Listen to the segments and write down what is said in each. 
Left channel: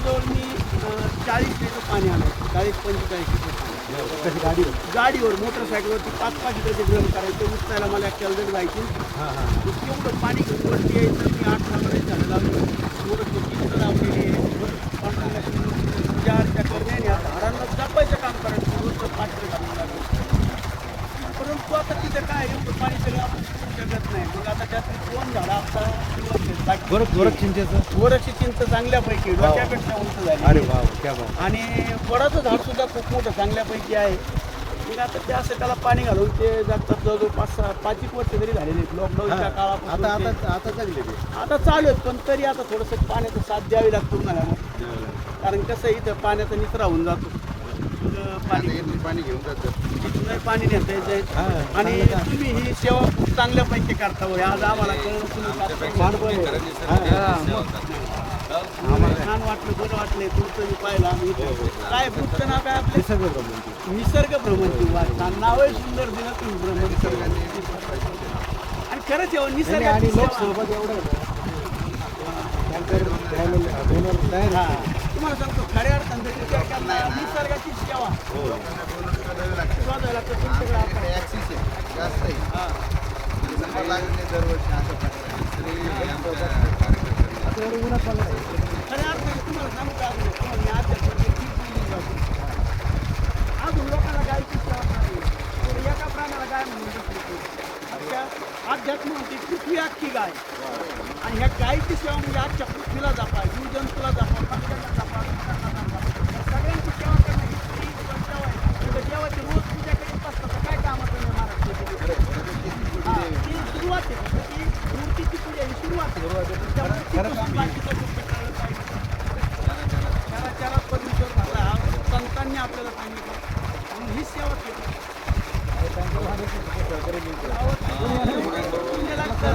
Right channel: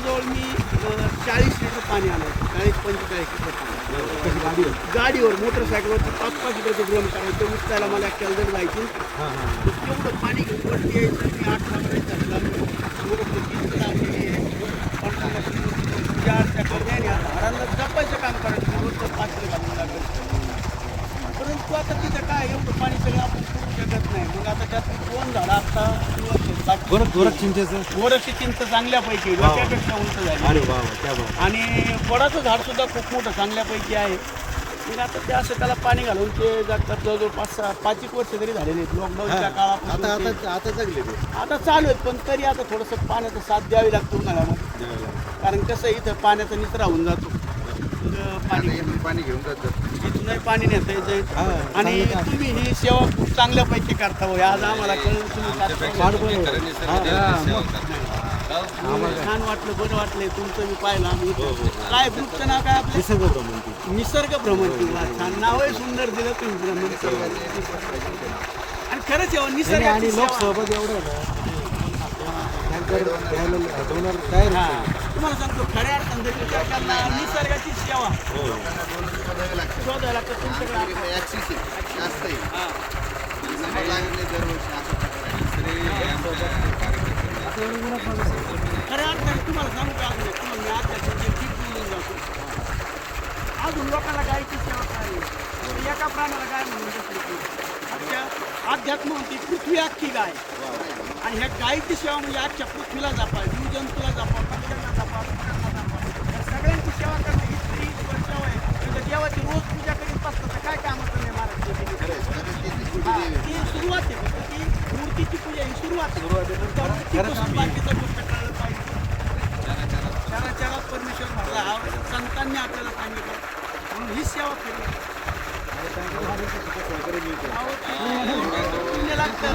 जवळजवळ मी 40 लिटर पाणी आणायचं, 40-45 लिटर पाणी. कशी गाडीवर मोटरसायकलवरती 5-5 लिटरचे ड्रम करायचं. उचलायला मला केलदर जायची. तेवढं पाणी घेऊन वरती यायचं. मी 8 वाजता झालं लागलो. थोडं किती लांबलेली आहे. 4 चक्कर नाही हारांना जपायचं काम करायचं. रोजचं 5 घालून लागलं. परंतु आता तिथं काय एवढं पाणी सगळं आपण करू शकत नाही. मग आता त्यात 2 झाला आता गोरख चिंचेचं गोरखची चिंच चांगल्यापैकी डोक्यापेक्षा उंच झाली. अरे वा क्या बात. आणि वडाचं झाड सुद्धा खूप मोठं चांगल्यापैकी आहे. मग आता ते असं त्याला पाणी घालून ते जातात जवळजवळ 5-1 वर्ष तरी झालेले आहेत लॉकडाऊनच्या आता काळापासून. आता आता जगले ते आता चालू आहेत पण तरी आता थोडंसं पाण्याचा साथ द्यावी लागतो उन्हाळ्यामध्ये. कारण कसं इथं पाण्याचा निचरा होऊन जातो. पाणी पाणी घेऊन जातं. इथूनही पाणी नेता येतं. आणि तुम्ही ही सेवा खूप चांगल्यापैकी करता हो. आज आम्हाला कळलं तुम्ही छान वाटलं, बरं वाटलं तुमचं मी पाहिलं आम्ही. काय ग्रुपचं नाव काय आपलं? निसर्ग भ्रमंती. निसर्ग भ्रमंती. छान नावही सुंदर दिलं तुम्ही भ्रमंती. आणि खरंच आहे निसर्ग आणि लोक सोबत एवढं टँकर द्यायला डोनर तयार आहे. तुम्हाला सांगतो खऱ्या अर्थानं जर विचार केला निसर्गाची सेवा शोधायला लागतं तुमच्याकडे खऱ्या अर्थाने तुम्हाला सांगू का अजून तुम्हाला मी अध्यात्माची टीप बोलून जातो. अजून लोकांना गायची सेवा करावी. तर एका प्राण्याला गाय म्हणून दुसरी अख्ख्या अध्यात्म म्हणते पृथ्वी अख्खी गाय. आणि ह्या गायीची सेवा म्हणजे आजच्या पृथ्वीला जपा, जीवजंतूला जपा, पक्ष्यांना जपा, सगळ्यांची सेवा करणे ही स्त्री सेवा आहे. म्हणजे देवाची रोज पूजा करीत असतात तर काय कामाचं नाही महाराष्ट्र. ती सुरुवात आहे. ती मूर्तीची पूजा ही सुरुवात आहे. त्या मूर्तीपासून बाकीचा गोष्ट कळलं पाहिजे. चराचरात परमेश्वर भरला हा संतांनी आपल्याला सांगितलं म्हणून ही सेवा केली. पुण्य लागतं.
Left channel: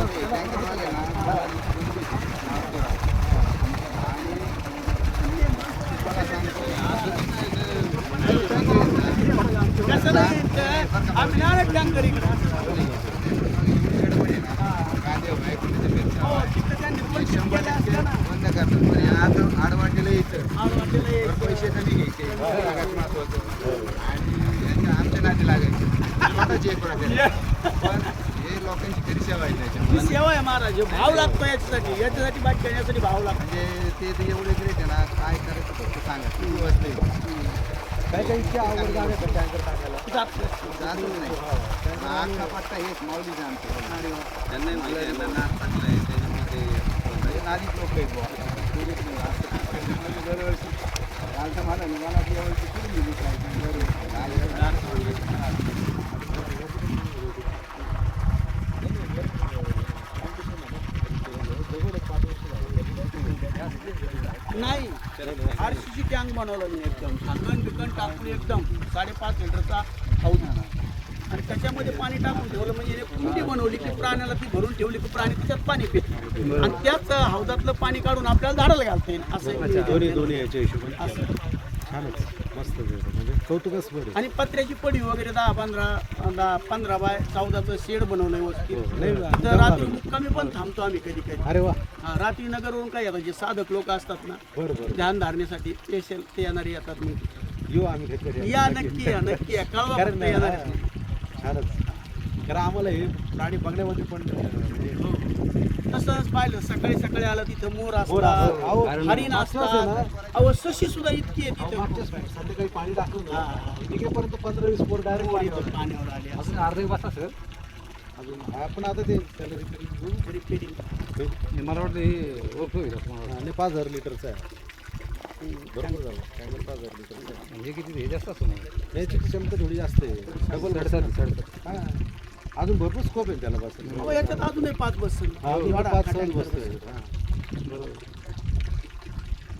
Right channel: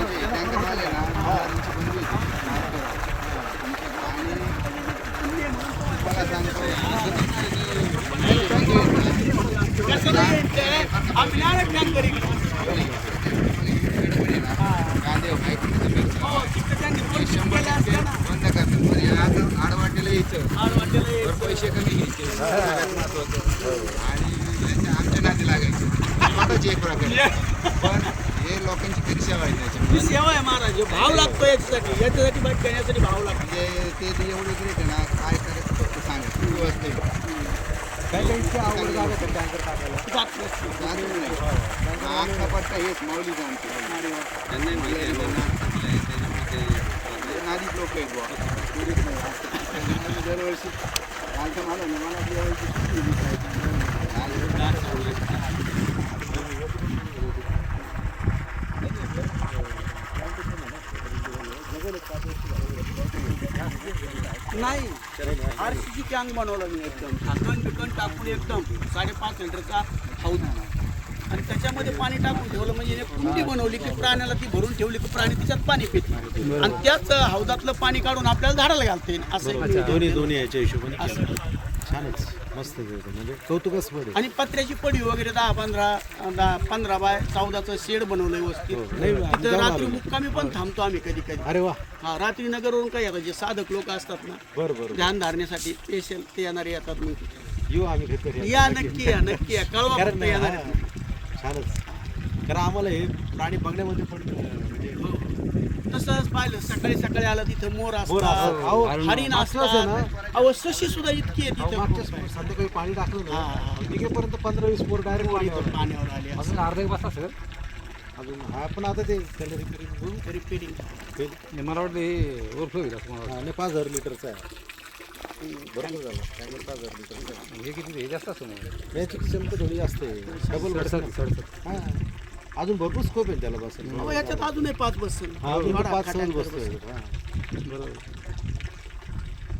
कसं नाही आम्ही नारळ टँकर इकडे त्यांनी पैसे केले असते ना. आडवाटेला यायचं आडवाटेला यायचं. पैसे कमी घ्यायचे सगळ्यात महत्वाचं. आणि आमच्या नादी लागायचे स्वतःची एक प्रकारे. पण हे लोकांची तरी सेवा आहे. ही सेवा आहे महाराज. भाव लागतो याच्यासाठी बाकी करण्यासाठी भाव लागतो. म्हणजे ते एवढे ग्रेट आहे ना. काय करायचं फक्त सांगा तू असते काही काहीची आवड लागत टँकर टाकायला. जात नसते. आखा पट्टा हेच माऊली जाणते नादीच लोक आहेत बुवा. दरवर्षी आमच्या मला नाही आरसीची टँक बनवलं मी एकदम झाकण बिकण टाकून एकदम 5.5 लिटरचा हौद. आणि त्याच्यामध्ये पाणी टाकून ठेवलं म्हणजे कुंडी बनवली की प्राण्याला ती भरून ठेवली की प्राणी त्याच्यात पाणी पित. आणि त्याच हौदातलं पाणी काढून आपल्याला झाडाला घालता येईल असं. दोन्ही याच्या हिशोबाने छानच मस्त म्हणजे कौतुकच बरं. आणि पत्र्याची पडी वगैरे 10-15 बाय 14चं शेड बनवणं व्यवस्थित. तर रात्री मुक्कामी पण थांबतो आम्ही कधी कधी. अरे वा. हा रात्री नगरवरून काय येतात जे साधक लोक असतात ना बरं ध्यान धारण्यासाठी स्पेशल ते येणारे येतात. मग येऊ आम्ही कधी या नक्की या नक्की या कळवा फक्त येणार. छानच. कारण आम्हाला हे प्राणी बघण्यामध्ये पण म्हणजे तसंच पाहिलं सकाळी सकाळी आलं तिथं मोर अहो, असतात, हरिण मागच्याच आहे असतात. अहो सशी सुद्धा इतकी आहे तिथं. संध्याकाळी पाणी टाकलं ना निघेपर्यंत 15-20 पोर डायरेक्ट पाण्यावर आले अजून अर्धा वाजता सर अजून हा पण आता ते रिपेरिंग. मला वाटतं हे ओव्हरफ्लो होईल असं आणि 5000 लिटरचा आहे. बरोबर झालं टँकर 5000 लिटरचा आहे. हे किती हे जास्त असतं मग याची क्षमता थोडी जास्त आहे. डबल सडसड हां अजून भरपूर स्कोप आहे त्याला बस. ह्याच्यात अजूनही 5 बस अजून 5 सहज बसतोय. हां बरोबर.